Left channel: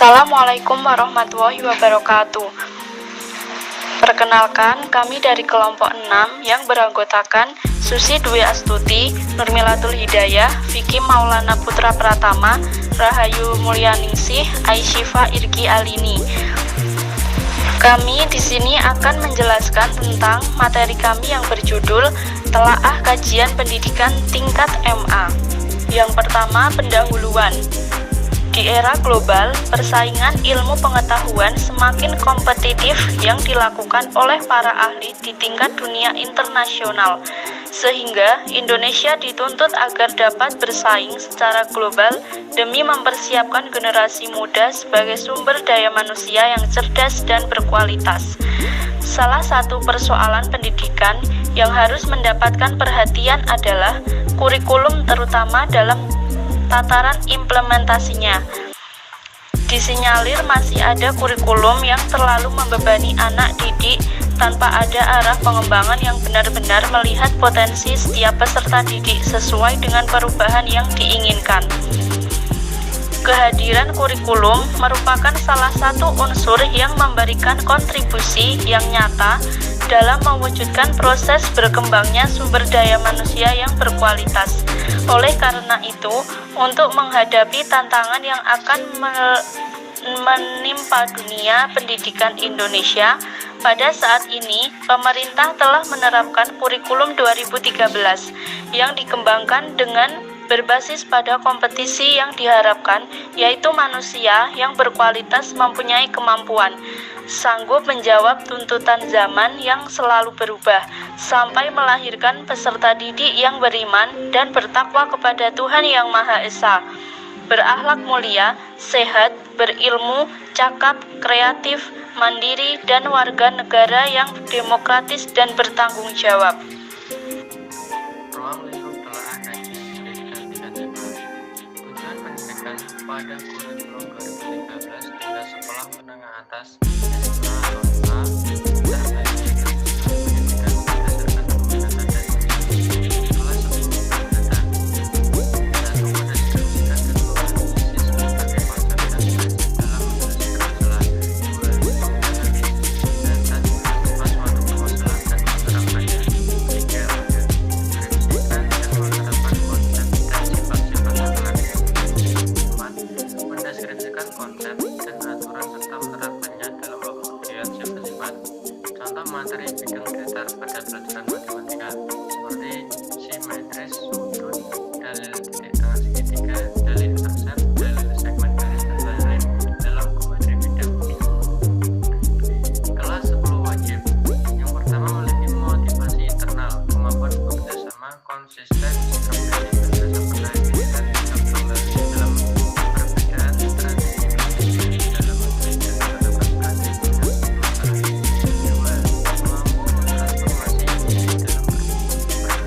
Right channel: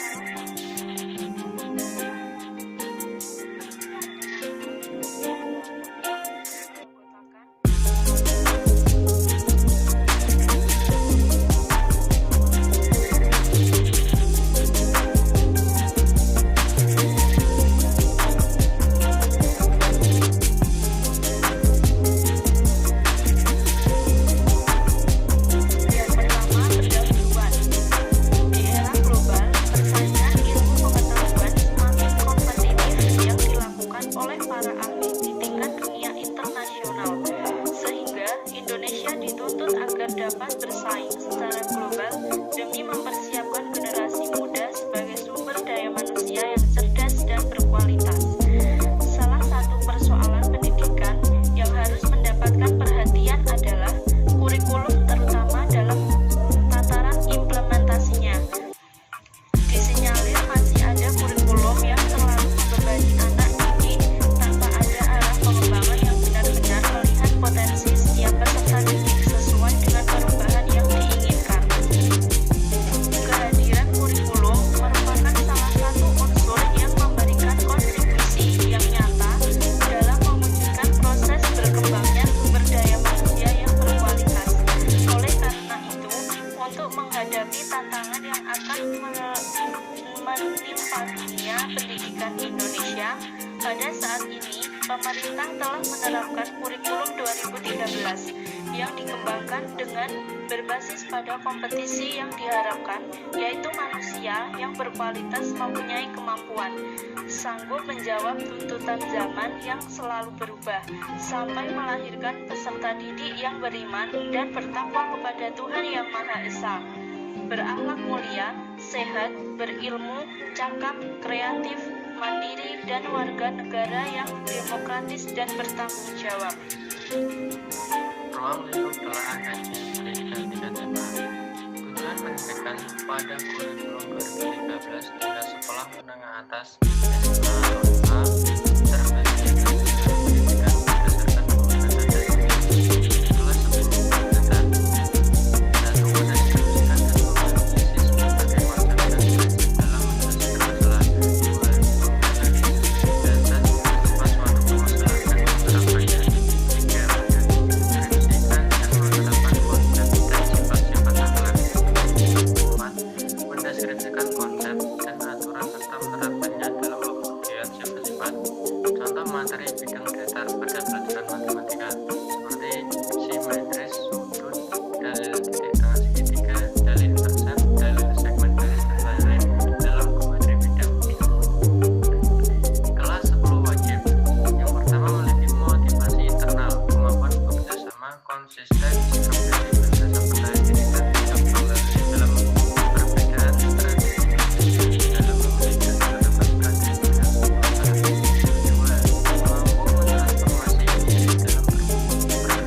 Assalamualaikum warahmatullahi wabarakatuh. Perkenalkan, kami dari kelompok 6 yang beranggotakan Susi Dwi Astuti, Nurmilatul Hidayah, Vicky Maulana Putra Pratama, Rahayu Mulyaningsih, Aisyifa Irgi Alini. Kami di sini akan menjelaskan tentang materi kami yang berjudul Telaah Kajian Pendidikan Tingkat MA. Yang pertama, pendahuluan. Di era global, persaingan ilmu pengetahuan semakin kompetitif yang dilakukan oleh para ahli di tingkat dunia internasional, sehingga Indonesia dituntut agar dapat bersaing secara global demi mempersiapkan generasi muda sebagai sumber daya manusia yang cerdas dan berkualitas. Salah satu persoalan pendidikan yang harus mendapatkan perhatian adalah kurikulum, terutama dalam tataran implementasinya. Disinyalir masih ada kurikulum yang terlalu membebani anak didik tanpa ada arah pengembangan yang benar-benar melihat potensi setiap peserta didik sesuai dengan perubahan yang diinginkan. Kehadiran kurikulum merupakan salah satu unsur yang memberikan kontribusi yang nyata dalam mewujudkan proses berkembangnya sumber daya manusia yang berkualitas. Oleh karena itu, untuk menghadapi tantangan yang akan menimpa dunia pendidikan Indonesia, pada saat ini pemerintah telah menerapkan kurikulum 2013 yang dikembangkan dengan berbasis pada kompetisi yang diharapkan, yaitu manusia yang berkualitas mempunyai kemampuan, sanggup menjawab tuntutan zaman yang selalu berubah, sampai melahirkan peserta didik yang beriman dan bertakwa kepada Tuhan Yang Maha Esa, berakhlak mulia, sehat, berilmu, cakap, kreatif, mandiri, dan warga negara yang demokratis dan bertanggung jawab. Ruang lingkup telaah kajian pendidikan tingkat MA. Tujuan pendidikan pada kurikulum 2013 tingkat sekolah menengah atas SMA atau SMA terbagi atas tujuan pendidikan berdasarkan peminatan dan ujian kelas 10 peminatan. 1. Mendeskripsikan keseluruhan analisis berbagai konsep dan belajar dalam menyelesaikan masalah. 2. Menganalisis data sifat suatu permasalahan dan menerapkannya. 3. Mendeskripsikan dan menerapkan konsep dan sifat-sifat akhlak. 4. Mendeskripsikan konsep dan aturan serta menerapkannya dalam pembuktian sifat-sifat. Contoh materi bidang datar pada pelajaran matematika seperti simetris, sudut, dalil titik tengah segitiga, dalil intersept, dalil segmen garis, dan lain-lain dalam materi bidang. Kelas 10 wajib. Yang pertama, memiliki motivasi internal, kemampuan bekerja sama, konsisten, sikap prinsip, dan rasa percaya diri, dan sikap toleransi dalam perbedaan, strategi berpikir dalam memiliki menetapkan strategi dan masalah. 2. Mampu mentransformasi diri dalam berperilaku sesuai.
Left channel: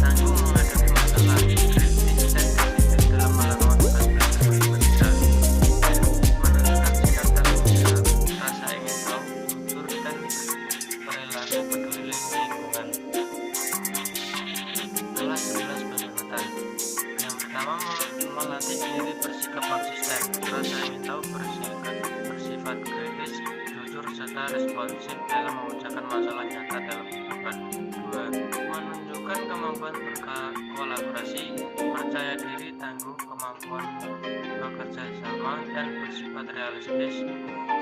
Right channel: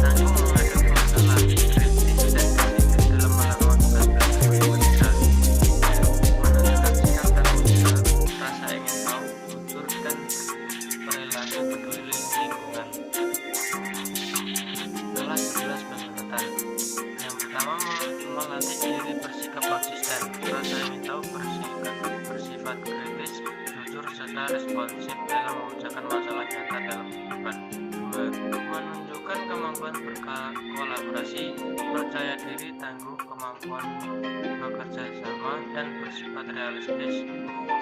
Tangguh menghadapi masalah, kritis dan disiplin dalam melakukan tugas belajar matematika. 3. Menunjukkan sikap tanggung jawab, rasa ingin tahu, jujur, dan perilaku peduli lingkungan. Kelas 11 peminatan. Yang pertama, melatih diri bersikap konsisten, rasa ingin tahu, bersifat kritis, jujur, serta responsif dalam memecahkan masalah nyata dalam kehidupan. 2. Menunjukkan kemampuan berkolaborasi, percaya diri, tangguh, kemampuan bekerja sama, dan bersifat realistis,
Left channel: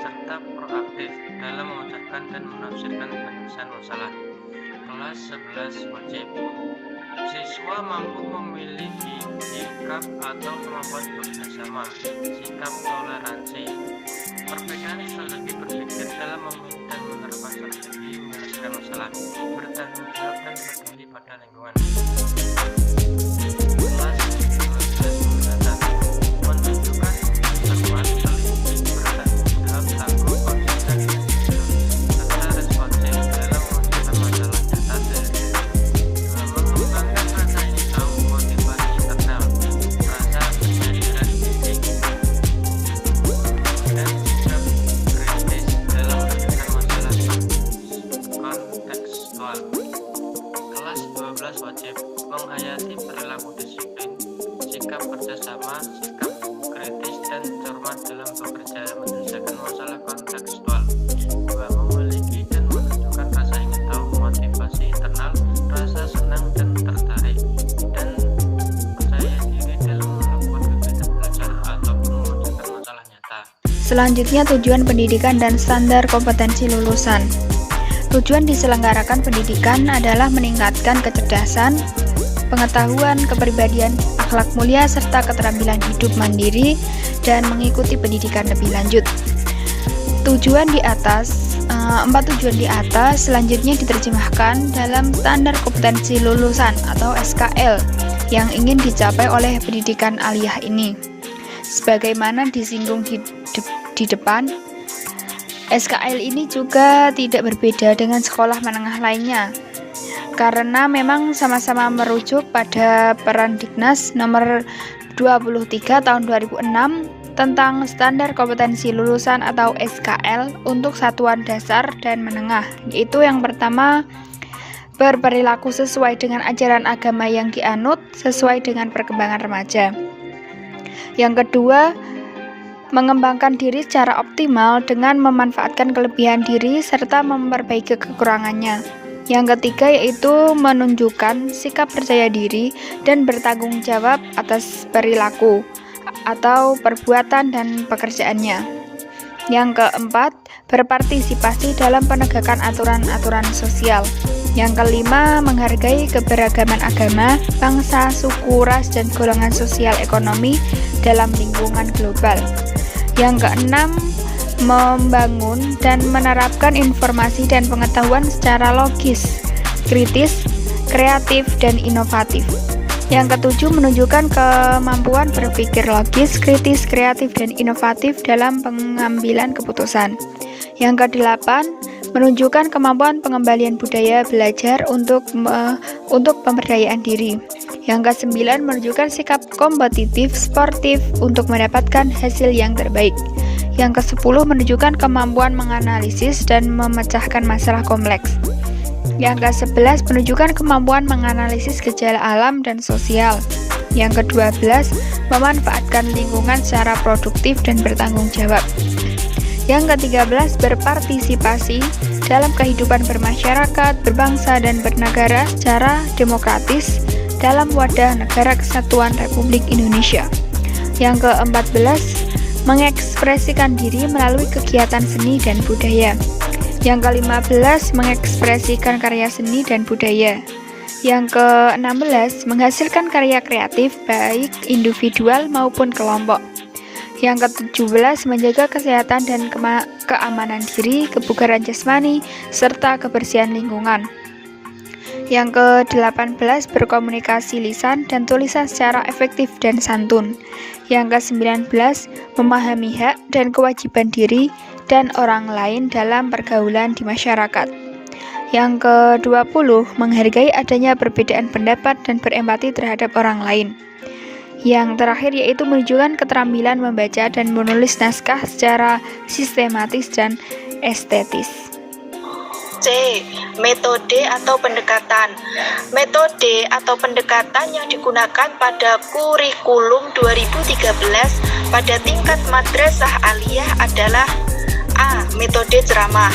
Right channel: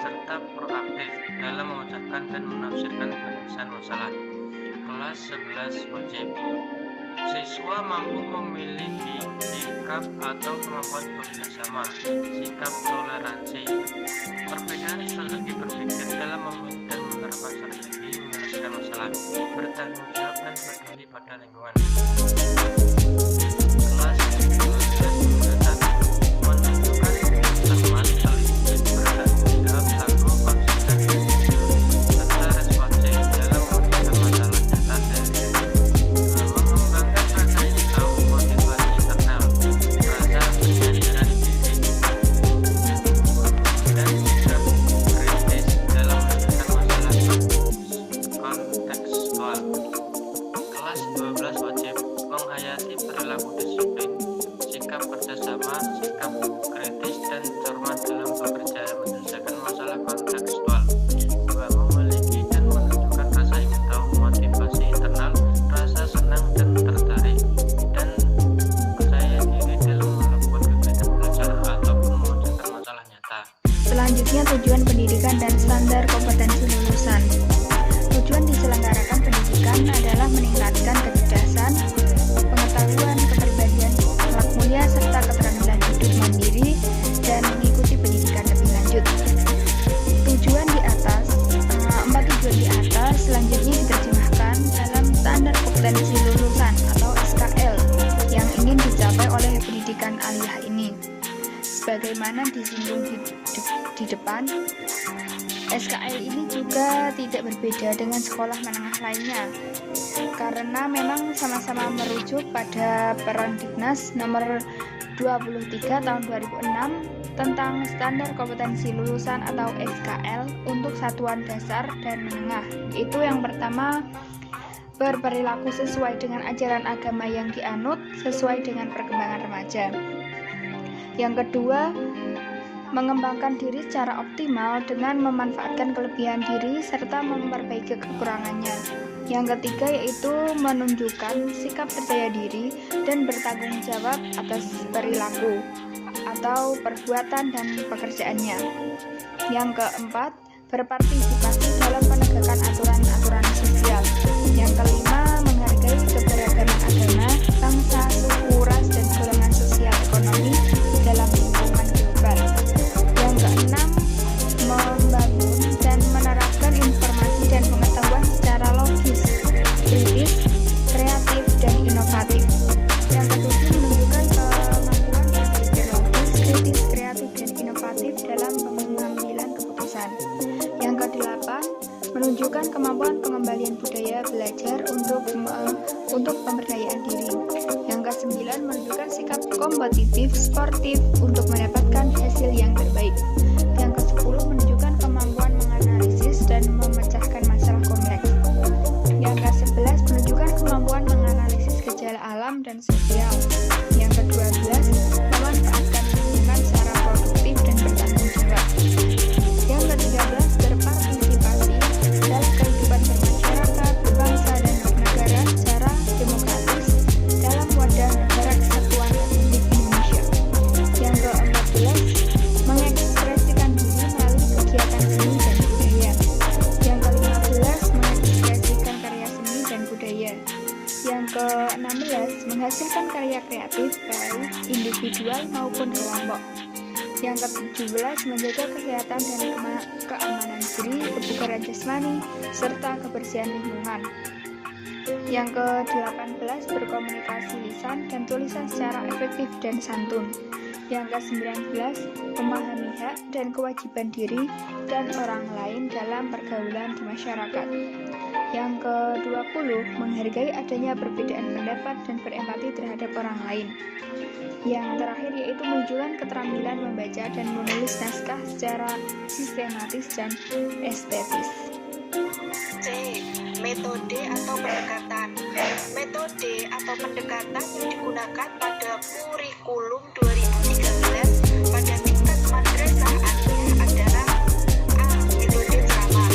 serta proaktif dalam memecahkan dan menafsirkan penyelesaian masalah. Kelas 11 wajib. Siswa mampu memiliki sikap atau kemampuan bekerja sama, sikap toleransi, perbedaan strategi berpikir dalam memilih dan menerapkan strategi menyelesaikan masalah, bertanggung jawab, dan peduli pada lingkungan. Kelas 12 peminatan. Menunjukkan cermat, teliti, bertanggung jawab, tangguh, konsisten, dan jujur, serta responsif dalam memecahkan masalah nyata sehari-hari. 2. Mengembangkan rasa ingin tahu, motivasi internal, rasa penyadaran diri, dan sikap kritis dalam menyelesaikan masalah kontekstual. Kelas 12 wajib. Menghayati perilaku disiplin, sikap kerjasama, sikap kritis dan cermat dalam bekerja menyelesaikan masalah kontekstual. 2. Memiliki dan menunjukkan rasa ingin tahu, motivasi internal, rasa senang dan tertarik, dan percaya diri dalam melakukan kegiatan belajar ataupun mengerjakan masalah nyata. Selanjutnya, tujuan pendidikan dan standar kompetensi lulusan. Tujuan diselenggarakan pendidikan adalah meningkatkan kecerdasan, pengetahuan, kepribadian, akhlak mulia, serta keterampilan hidup mandiri dan mengikuti pendidikan lebih lanjut. Empat tujuan di atas selanjutnya diterjemahkan dalam standar kompetensi lulusan atau SKL yang ingin dicapai oleh pendidikan aliyah ini. Sebagaimana disinggung di depan, SKL ini juga tidak berbeda dengan sekolah menengah lainnya, karena memang sama-sama merujuk pada Perandiknas nomor 23 tahun 2006 tentang standar kompetensi lulusan atau SKL untuk satuan dasar dan menengah, yaitu yang pertama, berperilaku sesuai dengan ajaran agama yang dianut sesuai dengan perkembangan remaja. Yang kedua, mengembangkan diri secara optimal dengan memanfaatkan kelebihan diri serta memperbaiki kekurangannya. Yang ketiga yaitu menunjukkan sikap percaya diri dan bertanggung jawab atas perilaku atau perbuatan dan pekerjaannya. Yang keempat, berpartisipasi dalam penegakan aturan-aturan sosial. Yang kelima, menghargai keberagaman agama, bangsa, suku, ras, dan golongan sosial ekonomi dalam lingkungan global. Yang keenam, membangun dan menerapkan informasi dan pengetahuan secara logis, kritis, kreatif, dan inovatif. Yang ketujuh, menunjukkan kemampuan berpikir logis, kritis, kreatif, dan inovatif dalam pengambilan keputusan. Yang kedelapan, menunjukkan kemampuan pengembalian budaya belajar untuk pemberdayaan diri. Yang kesembilan, menunjukkan sikap kompetitif, sportif untuk mendapatkan hasil yang terbaik. Yang ke-10, menunjukkan kemampuan menganalisis dan memecahkan masalah kompleks. Yang ke-11, menunjukkan kemampuan menganalisis gejala alam dan sosial. Yang ke-12, memanfaatkan lingkungan secara produktif dan bertanggung jawab. Yang ke-13, berpartisipasi dalam kehidupan bermasyarakat, berbangsa, dan bernegara secara demokratis dalam wadah negara kesatuan Republik Indonesia. Yang ke-14, mengekspresikan diri melalui kegiatan seni dan budaya. Yang ke-15, mengekspresikan karya seni dan budaya. Yang ke-16, menghasilkan karya kreatif baik individual maupun kelompok. Yang ke-17, menjaga kesehatan dan keamanan diri, kebugaran jasmani, serta kebersihan lingkungan. Yang ke-18, berkomunikasi lisan dan tulisan secara efektif dan santun. Yang ke-19, memahami hak dan kewajiban diri dan orang lain dalam pergaulan di masyarakat. Yang ke-20, menghargai adanya perbedaan pendapat dan berempati terhadap orang lain. Yang terakhir yaitu menunjukkan keterampilan membaca dan menulis naskah secara sistematis dan estetis. C. Metode atau pendekatan. Metode atau pendekatan yang digunakan pada kurikulum 2013 pada tingkat madrasah aliyah adalah A. Metode ceramah.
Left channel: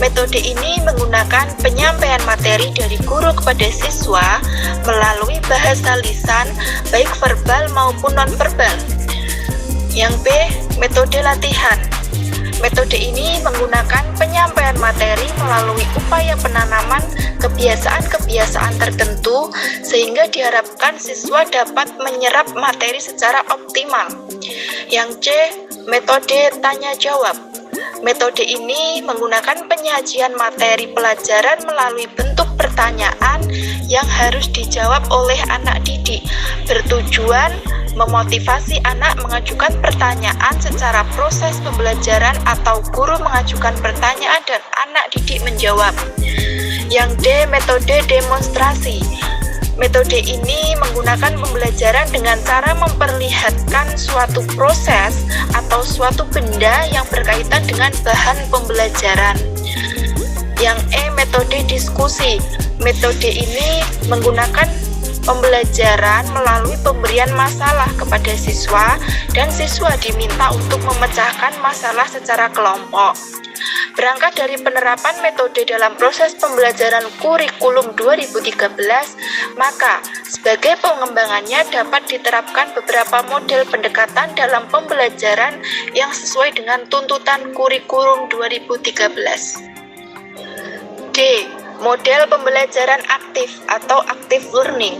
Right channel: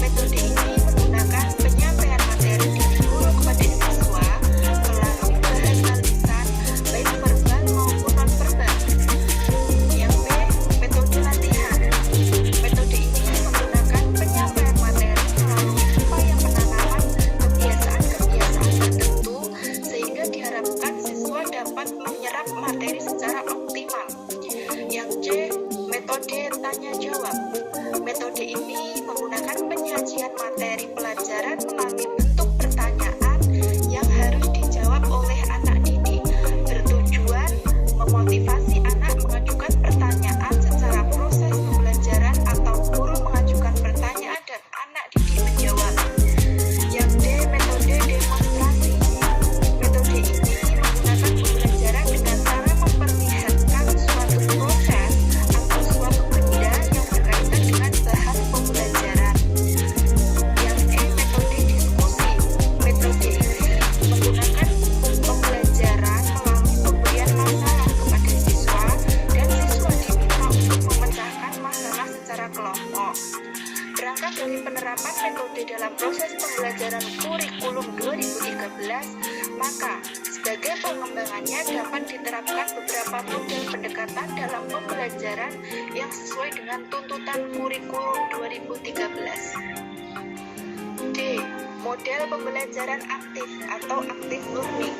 Metode ini menggunakan penyampaian materi dari guru kepada siswa melalui bahasa lisan, baik verbal maupun non-verbal. Yang B. Metode latihan. Metode ini menggunakan penyampaian materi melalui upaya penanaman kebiasaan-kebiasaan tertentu sehingga diharapkan siswa dapat menyerap materi secara optimal. Yang C. Metode tanya-jawab. Metode ini menggunakan penyajian materi pelajaran melalui bentuk pertanyaan yang harus dijawab oleh anak didik, bertujuan memotivasi anak mengajukan pertanyaan secara proses pembelajaran atau guru mengajukan pertanyaan dan anak didik menjawab. Yang D. Metode demonstrasi. Metode ini menggunakan pembelajaran dengan cara memperlihatkan suatu proses atau suatu benda yang berkaitan dengan bahan pembelajaran. Yang E. Metode diskusi. Metode ini menggunakan pembelajaran melalui pemberian pemberian masalah kepada siswa dan siswa diminta untuk memecahkan masalah secara kelompok. Berangkat dari penerapan metode dalam proses pembelajaran kurikulum 2013, maka sebagai pengembangannya dapat diterapkan beberapa model pendekatan dalam pembelajaran yang sesuai dengan tuntutan kurikulum 2013. D. Model pembelajaran aktif atau active learning.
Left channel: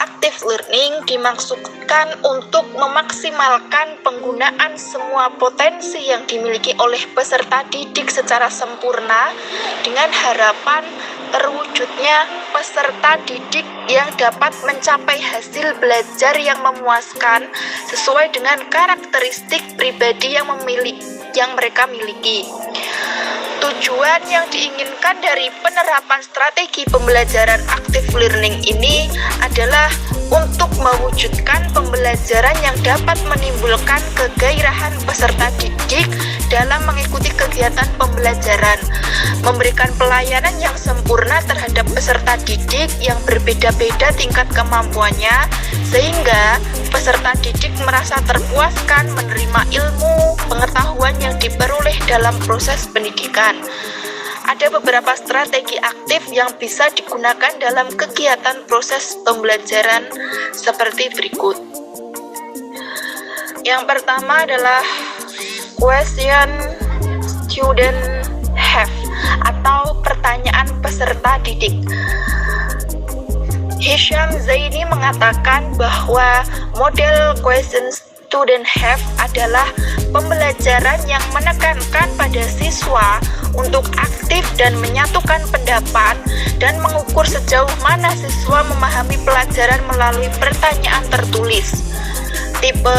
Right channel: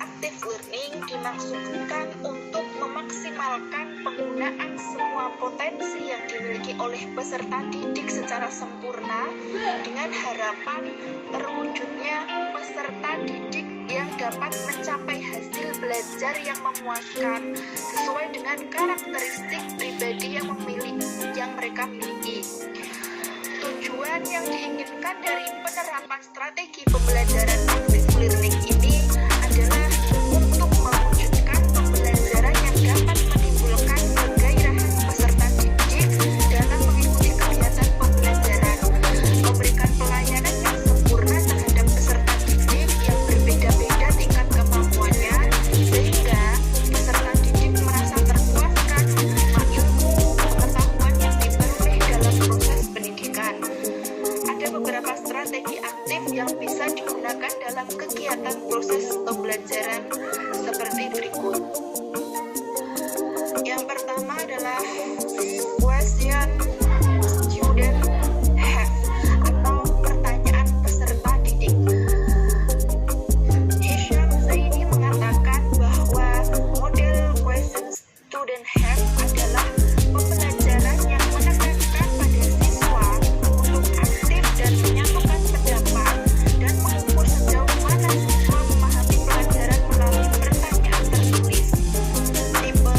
Active learning dimaksudkan untuk memaksimalkan penggunaan semua potensi yang dimiliki oleh peserta didik secara sempurna dengan harapan terwujudnya peserta didik yang dapat mencapai hasil belajar yang memuaskan sesuai dengan karakteristik pribadi yang mereka miliki. Tujuan yang diinginkan dari penerapan strategi pembelajaran active learning ini adalah untuk mewujudkan pembelajaran yang dapat menimbulkan kegairahan peserta didik dalam mengikuti kegiatan pembelajaran, memberikan pelayanan yang sempurna terhadap peserta didik yang berbeda-beda tingkat kemampuannya, sehingga peserta didik merasa terpuaskan menerima ilmu, pengetahuan yang diperoleh dalam proses pendidikan. Ada beberapa strategi aktif yang bisa digunakan dalam kegiatan proses pembelajaran seperti berikut. Yang pertama adalah question student have atau pertanyaan peserta didik. Hisham Zaini mengatakan bahwa model question student have adalah pembelajaran yang menekankan pada siswa untuk aktif dan menyatukan pendapat dan mengukur sejauh mana siswa memahami pelajaran melalui pertanyaan tertulis. Tipe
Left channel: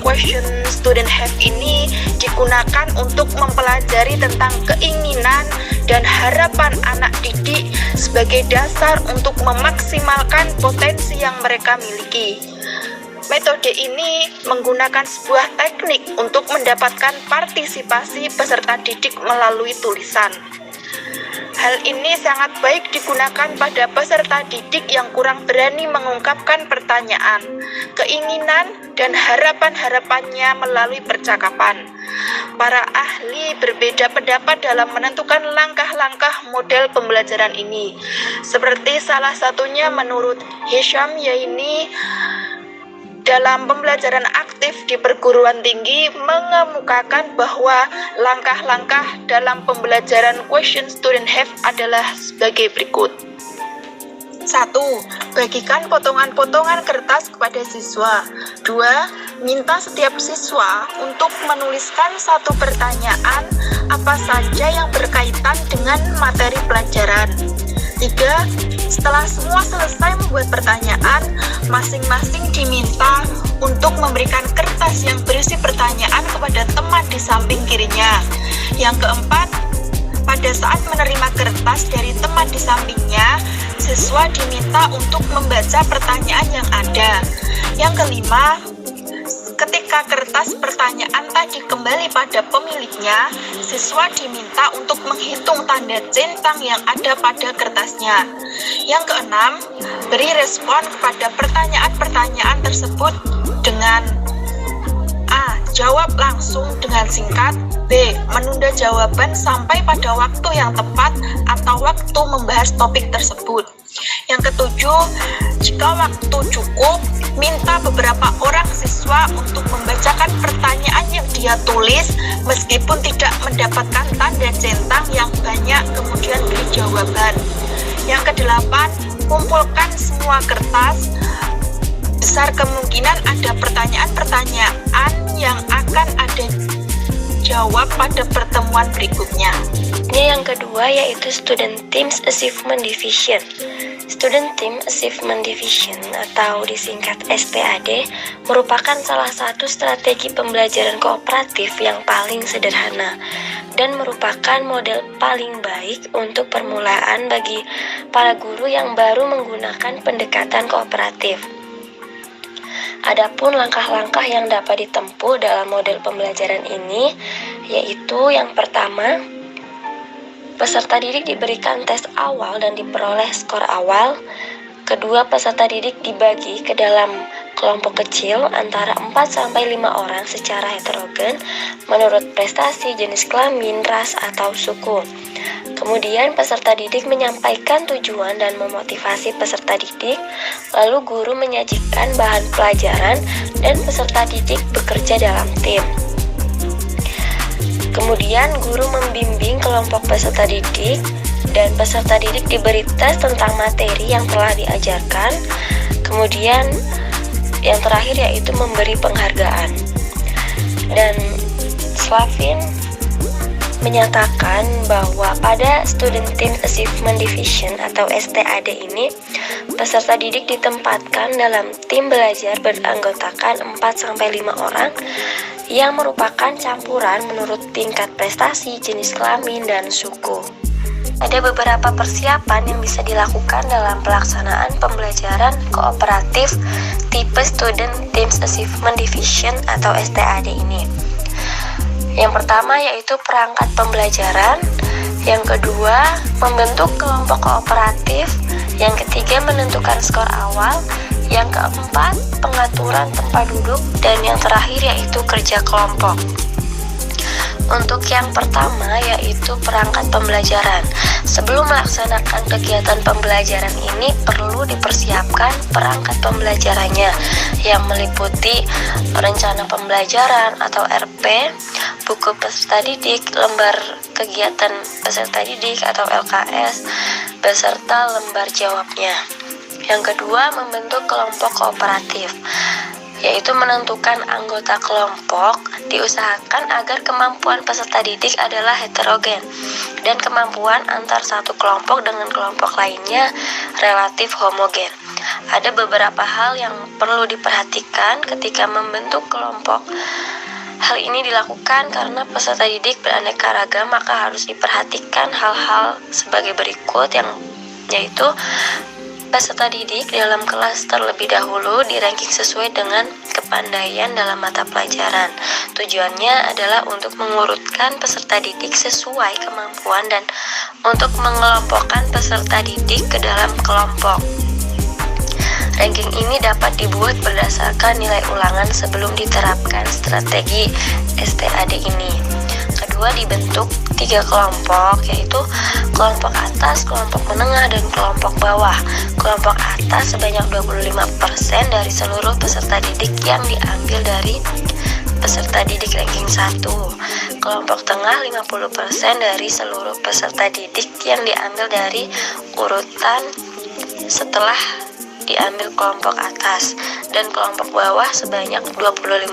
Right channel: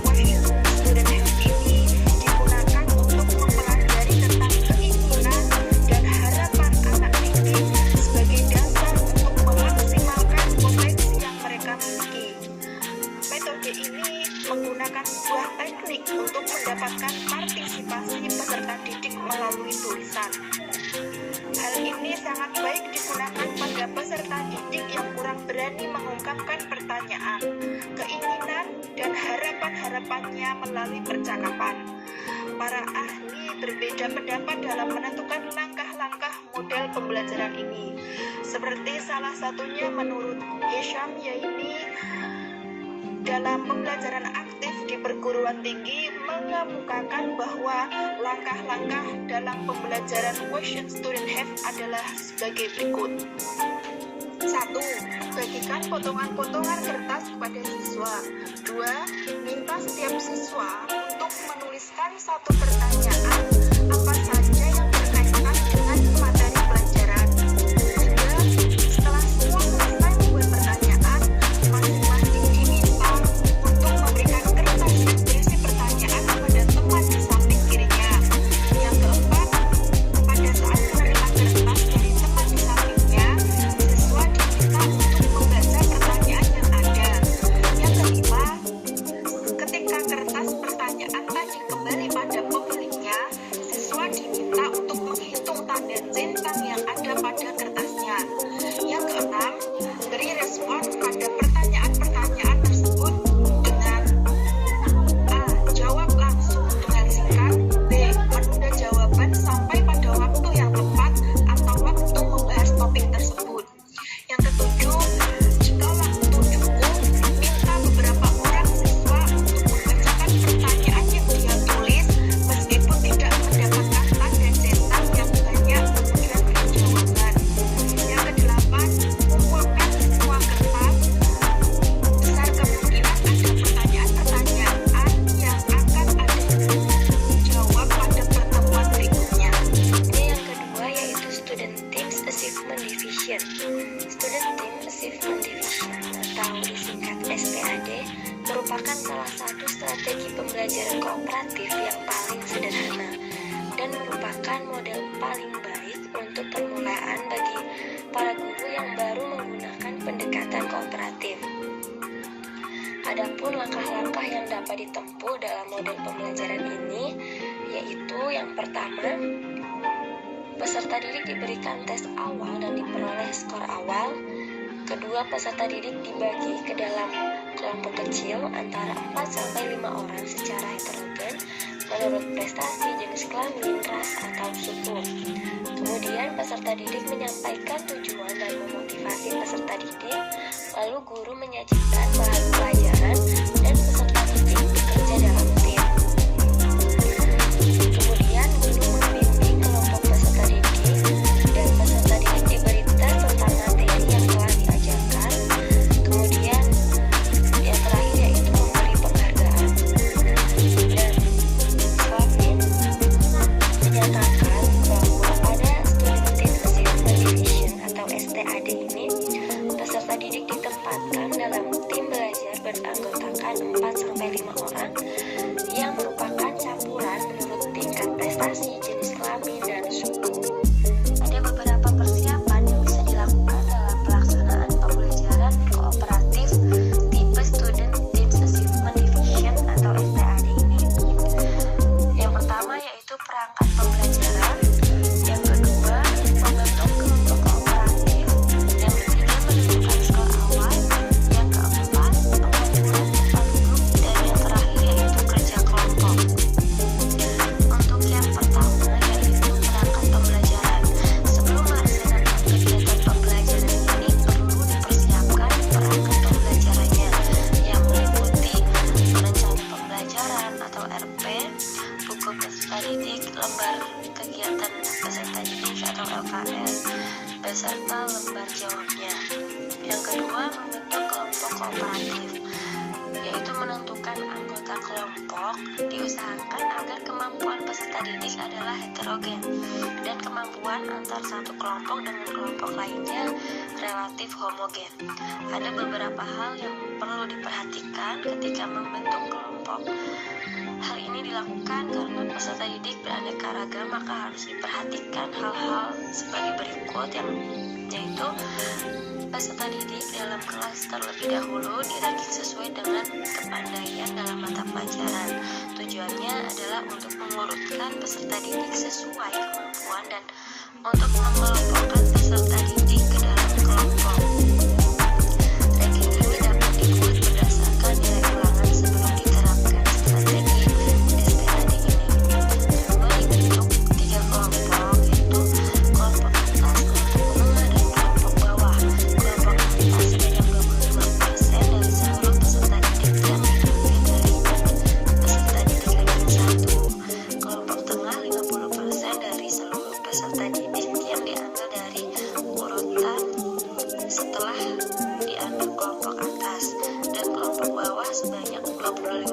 question student have ini digunakan untuk mempelajari tentang keinginan dan harapan anak didik sebagai dasar untuk memaksimalkan potensi yang mereka miliki. Metode ini menggunakan sebuah teknik untuk mendapatkan partisipasi peserta didik melalui tulisan. Hal ini sangat baik digunakan pada peserta didik yang kurang berani mengungkapkan pertanyaan, keinginan, dan harapan-harapannya melalui percakapan. Para ahli berbeda pendapat dalam menentukan langkah-langkah model pembelajaran ini. Seperti salah satunya menurut Hisham Zaini, dalam pembelajaran aktif di perguruan tinggi mengemukakan bahwa langkah-langkah dalam pembelajaran question student have adalah sebagai berikut. 1. Bagikan potongan-potongan kertas kepada siswa. 2. Minta setiap siswa untuk menuliskan satu pertanyaan apa saja yang berkaitan dengan materi pelajaran. 3. Setelah semua selesai membuat pertanyaan, masing-masing diminta untuk memberikan kertas yang berisi pertanyaan kepada teman di samping kirinya. Yang keempat, pada saat menerima kertas dari teman di sampingnya, siswa diminta untuk membaca pertanyaan yang ada. Yang kelima, ketika kertas pertanyaan tadi kembali pada pemiliknya, siswa diminta untuk menghitung tanda centang yang ada pada kertasnya. Yang keenam, beri respon kepada pertanyaan-pertanyaan tersebut dengan A. Jawab langsung dengan singkat. B. Menunda jawaban sampai pada waktu yang tepat atau waktu membahas topik tersebut. Yang ketujuh, jika waktu cukup, minta beberapa orang siswa untuk membacakan pertanyaan yang dia tulis meskipun tidak mendapatkan tanda centang yang banyak, kemudian beri jawaban. Yang kedelapan, kumpulkan semua kertas. Besar kemungkinan ada pertanyaan-pertanyaan yang akan ada jawab pada pertemuan berikutnya. Ini yang kedua yaitu Student Teams Achievement Division. Student Team Achievement Division atau disingkat STAD merupakan salah satu strategi pembelajaran kooperatif yang paling sederhana dan merupakan model paling baik untuk permulaan bagi para guru yang baru menggunakan pendekatan kooperatif. Adapun langkah-langkah yang dapat ditempuh dalam model pembelajaran ini yaitu yang pertama, peserta didik diberikan tes awal dan diperoleh skor awal. Kedua, peserta didik dibagi ke dalam kelompok kecil antara 4-5 orang secara heterogen menurut prestasi, jenis kelamin, ras, atau suku. Kemudian peserta didik menyampaikan tujuan dan memotivasi peserta didik, lalu guru menyajikan bahan pelajaran dan peserta didik bekerja dalam tim. Kemudian guru membimbing kelompok peserta didik dan peserta didik diberi tes tentang materi yang telah diajarkan. Kemudian yang terakhir yaitu memberi penghargaan. Dan Slavin menyatakan bahwa pada Student Team Achievement Division atau STAD ini, peserta didik ditempatkan dalam tim belajar beranggotakan 4-5 orang yang merupakan campuran menurut tingkat prestasi, jenis kelamin, dan suku. Ada beberapa persiapan yang bisa dilakukan dalam pelaksanaan pembelajaran kooperatif tipe Student Teams Achievement Division atau STAD ini. Yang pertama yaitu perangkat pembelajaran, yang kedua membentuk kelompok kooperatif, yang ketiga menentukan skor awal, yang keempat pengaturan tempat duduk, dan yang terakhir yaitu kerja kelompok. Untuk yang pertama yaitu perangkat pembelajaran. Sebelum melaksanakan kegiatan pembelajaran ini perlu dipersiapkan perangkat pembelajarannya yang meliputi rencana pembelajaran atau RP, buku peserta didik, lembar kegiatan peserta didik atau LKS, beserta lembar jawabnya. Yang kedua, membentuk kelompok kooperatif, yaitu menentukan anggota kelompok. Diusahakan agar kemampuan peserta didik adalah heterogen dan kemampuan antar satu kelompok dengan kelompok lainnya relatif homogen. Ada beberapa hal yang perlu diperhatikan ketika membentuk kelompok. Hal ini dilakukan karena peserta didik beraneka ragam, maka harus diperhatikan hal-hal sebagai berikut, yaitu peserta didik dalam kelas terlebih dahulu di-ranking sesuai dengan kepandaian dalam mata pelajaran. Tujuannya adalah untuk mengurutkan peserta didik sesuai kemampuan dan untuk mengelompokkan peserta didik ke dalam kelompok. Ranking ini dapat dibuat berdasarkan nilai ulangan sebelum diterapkan strategi STAD ini. Kedua, dibentuk 3 kelompok, yaitu kelompok atas, kelompok menengah, dan kelompok bawah. Kelompok atas sebanyak 25% dari seluruh peserta didik yang diambil dari peserta didik ranking 1. Kelompok tengah 50% dari seluruh peserta didik yang diambil dari urutan setelah diambil kelompok atas, dan kelompok bawah sebanyak 25%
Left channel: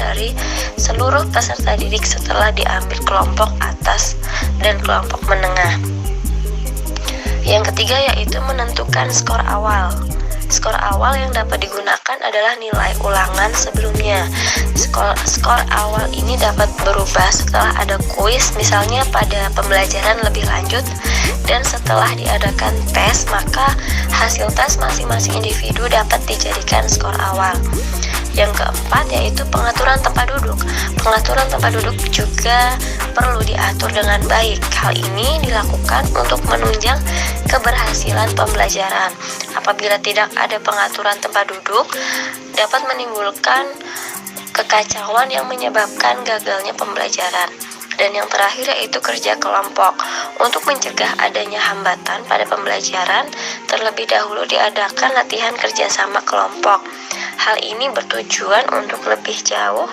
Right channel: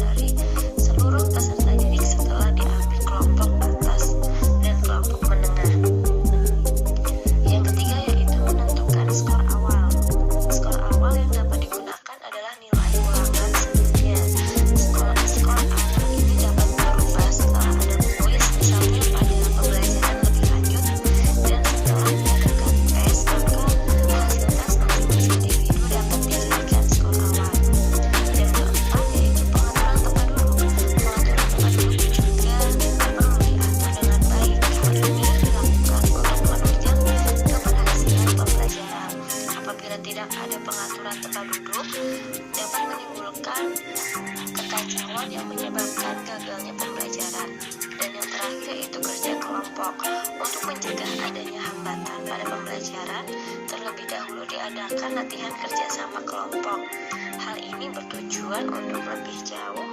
dari seluruh peserta didik setelah diambil kelompok atas dan kelompok menengah. Yang ketiga yaitu menentukan skor awal. Skor awal yang dapat digunakan adalah nilai ulangan sebelumnya. Skor awal ini dapat berubah setelah ada kuis, misalnya pada pembelajaran lebih lanjut, dan setelah diadakan tes, maka hasil tes masing-masing individu dapat dijadikan skor awal. Yang keempat yaitu pengaturan tempat duduk. Pengaturan tempat duduk juga perlu diatur dengan baik. Hal ini dilakukan untuk menunjang keberhasilan pembelajaran. Apabila tidak ada pengaturan tempat duduk, dapat menimbulkan kekacauan yang menyebabkan gagalnya pembelajaran. Dan yang terakhir yaitu kerja kelompok. Untuk mencegah adanya hambatan pada pembelajaran, terlebih dahulu diadakan latihan kerjasama kelompok. Hal ini bertujuan untuk lebih jauh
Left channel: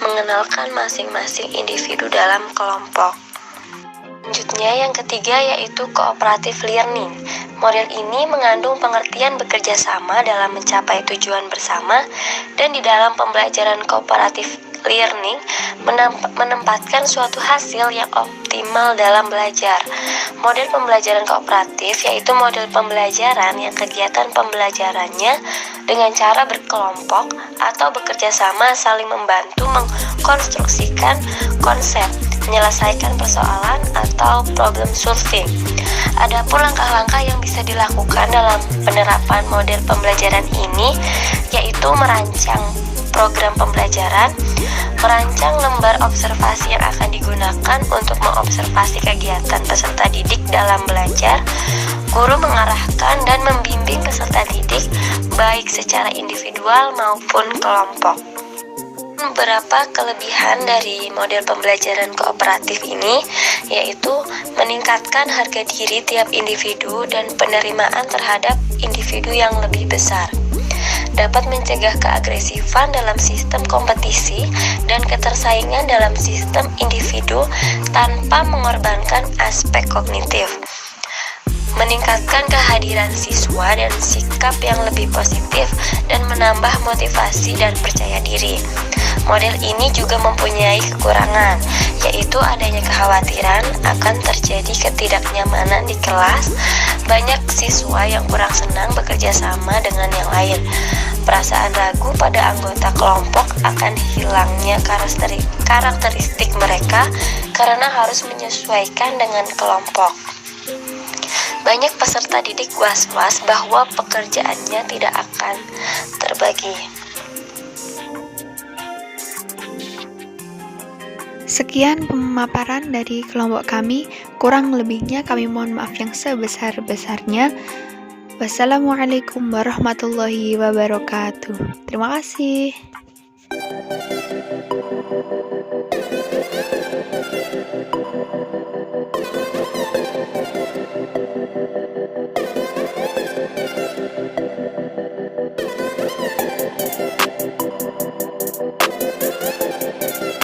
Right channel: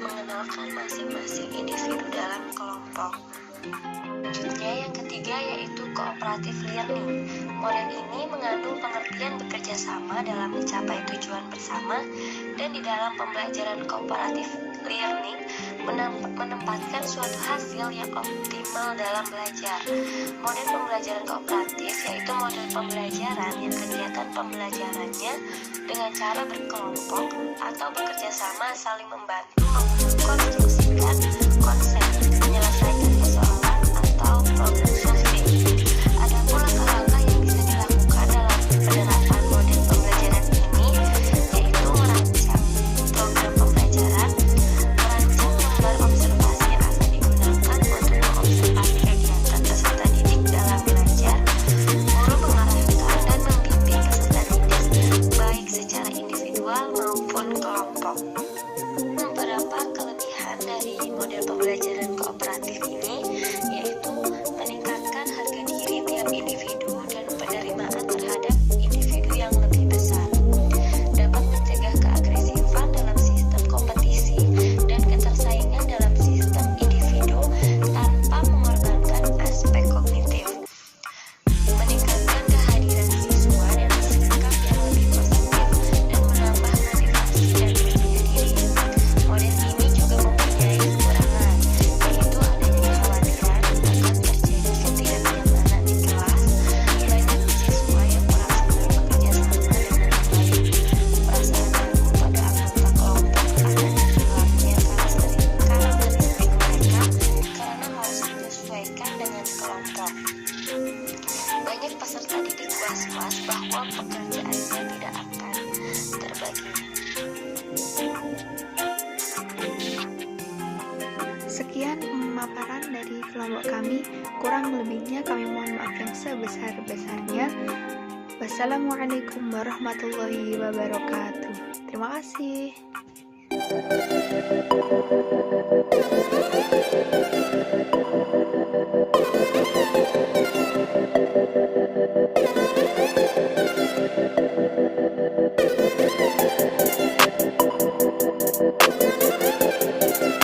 mengenalkan masing-masing individu dalam kelompok. Selanjutnya yang ketiga yaitu cooperative learning. Model ini mengandung pengertian bekerja sama dalam mencapai tujuan bersama, dan di dalam pembelajaran cooperative learning menempatkan suatu hasil yang optimal dalam belajar. Model pembelajaran kooperatif yaitu model pembelajaran yang kegiatan pembelajarannya dengan cara berkelompok atau bekerja sama saling membantu mengkonstruksikan konsep, menyelesaikan persoalan atau problem solving. Adapun langkah-langkah yang bisa dilakukan dalam penerapan model pembelajaran ini yaitu merancang program pembelajaran, merancang lembar observasi yang akan digunakan untuk mengobservasi kegiatan peserta didik dalam belajar, guru mengarahkan dan membimbing peserta didik baik secara individual individual maupun kelompok. Beberapa kelebihan dari model pembelajaran kooperatif ini yaitu meningkatkan harga diri tiap individu dan penerimaan terhadap individu yang lebih besar. Dapat mencegah keagresifan dalam sistem kompetisi dan ketersaingan dalam sistem individu tanpa mengorbankan aspek kognitif. Meningkatkan kehadiran siswa dan sikap yang lebih positif dan menambah motivasi dan percaya diri. Model ini juga mempunyai kekurangan, yaitu adanya kekhawatiran akan terjadi ketidaknyamanan di kelas, banyak siswa yang kurang senang bekerja sama dengan yang lain, perasaan ragu pada anggota kelompok akan hilangnya karakteristik mereka karena harus menyesuaikan dengan kelompok. Banyak peserta didik was-was bahwa pekerjaannya tidak akan terbagi. Sekian pemaparan dari kelompok kami, kurang lebihnya kami mohon maaf yang sebesar-besarnya. Wassalamualaikum warahmatullahi wabarakatuh. Terima kasih.